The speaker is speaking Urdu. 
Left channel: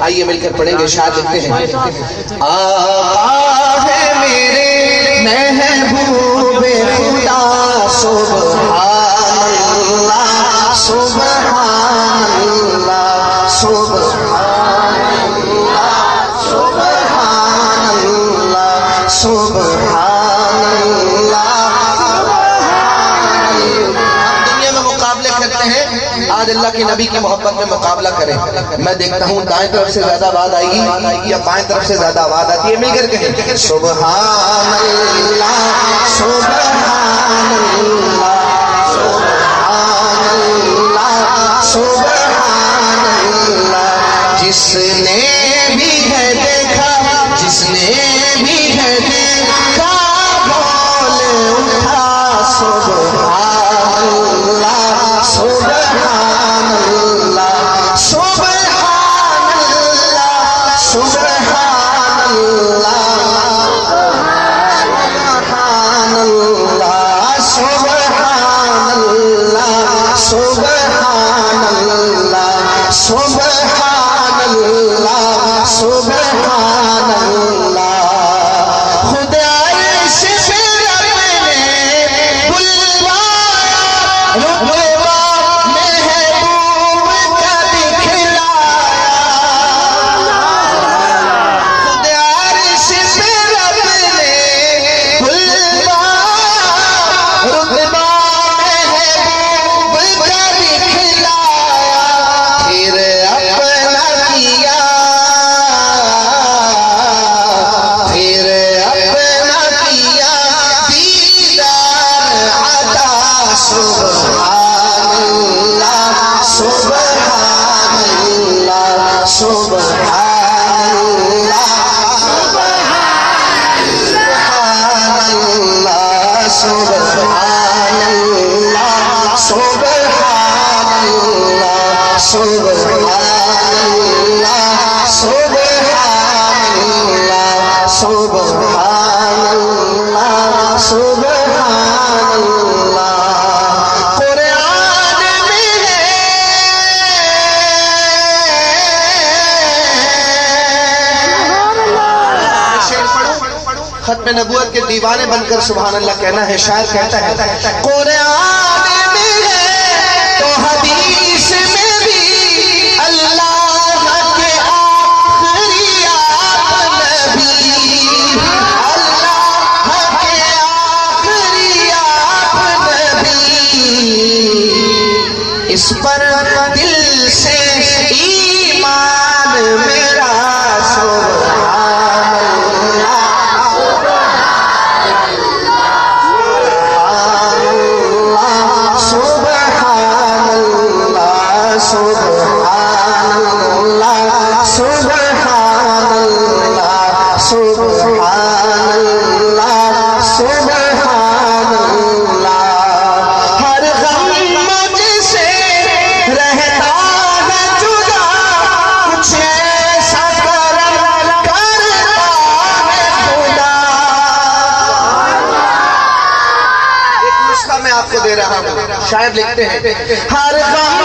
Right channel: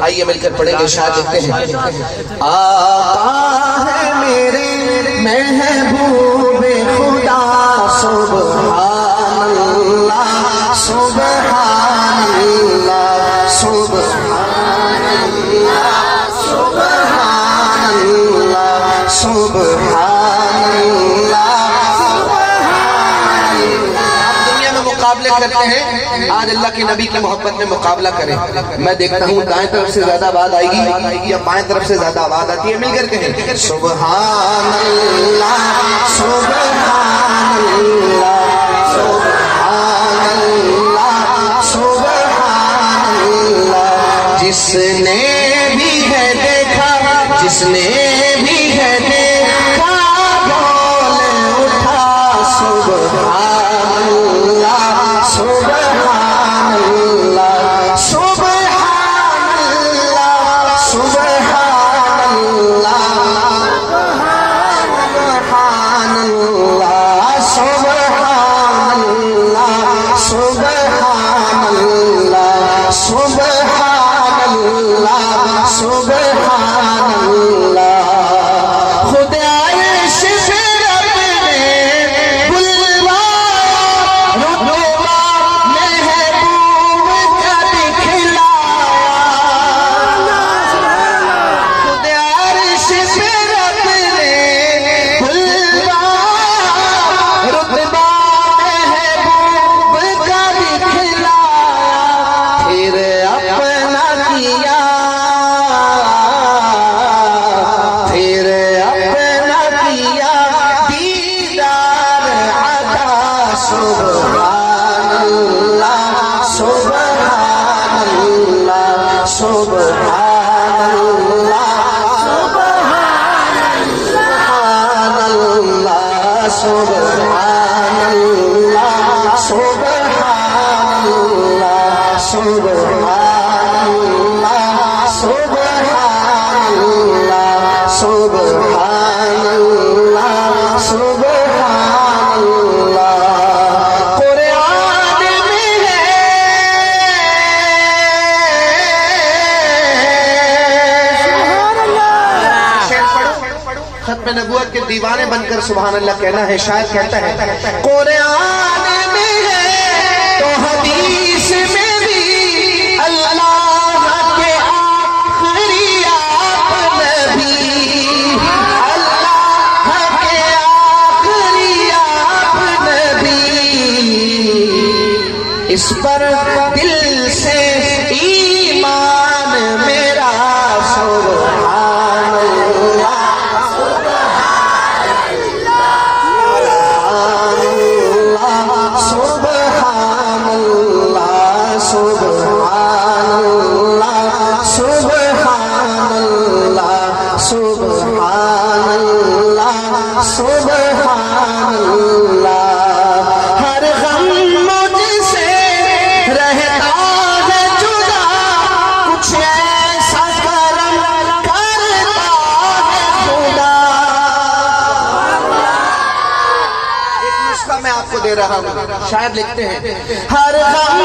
آئیے مل کر پڑھیں گے، شاعر لکھتے ہیں آقا ہے میرے محبوب خدا سبحان اللہ سبحان اللہ سبحان اللہ سبحان اللہ سبحان اللہ۔ ہم دنیا میں مقابلے کرتے ہیں، آج اللہ کے نبی کی محبت میں مقابلہ کریں۔ میں دیکھتا ہوں دائیں طرف سے زیادہ آواز آئے گی یا بائیں طرف سے زیادہ آواز آتی ہے، مل کر کہیں سبحان اللہ سبحان اللہ سبحان اللہ سبحان اللہ۔ جس نے بھی ہے دیکھا، جس نے بھی ہے دیکھا بول اٹھا سبحان اللہ سبحان اللہ سبحان اللہ سبحان اللہ سبحان اللہ سبحان اللہ سبحان اللہ سبحان اللہ سبحان اللہ۔ خود عرش پہ رب نے بلوایا، رتبہ محبوب کا دکھلایا۔ خود عرش پہ رب نے بلوایا، رتبہ محبوب کا دکھلایا۔ پھر اپنا کیا، پھر اپنا کیا دیدار عطا سبحان اللہ سبحان اللہ سبحان اللہ سبحان اللہ سبحان اللہ سبحان اللہ سبحان اللہ سبحان اللہ سبحان اللہ سبحان اللہ۔ قرآن میں ہے شعر پڑھو، ختم نبوت کے دیوانے بن کر سبحان اللہ کہنا ہے۔ شاعر کہتا ہے قرآن میں ہے تو حدیث میں بھی اللہ کے آخری آپ نبی، اللہ کے آخری آپ نبی، اس پر دل سے ایمان میرا سبحان اللہ سبحان اللہ سبحان اللہ سبحان اللہ سبحان اللہ سبحان اللہ۔ ہر غم مجھ سے رہتا ہے جدا، کچھ ایسا کرم کرتا ہے خدا۔ ایک نسخہ میں آپ کو دے رہا ہوں، شاید لکھتے ہیں ہر غم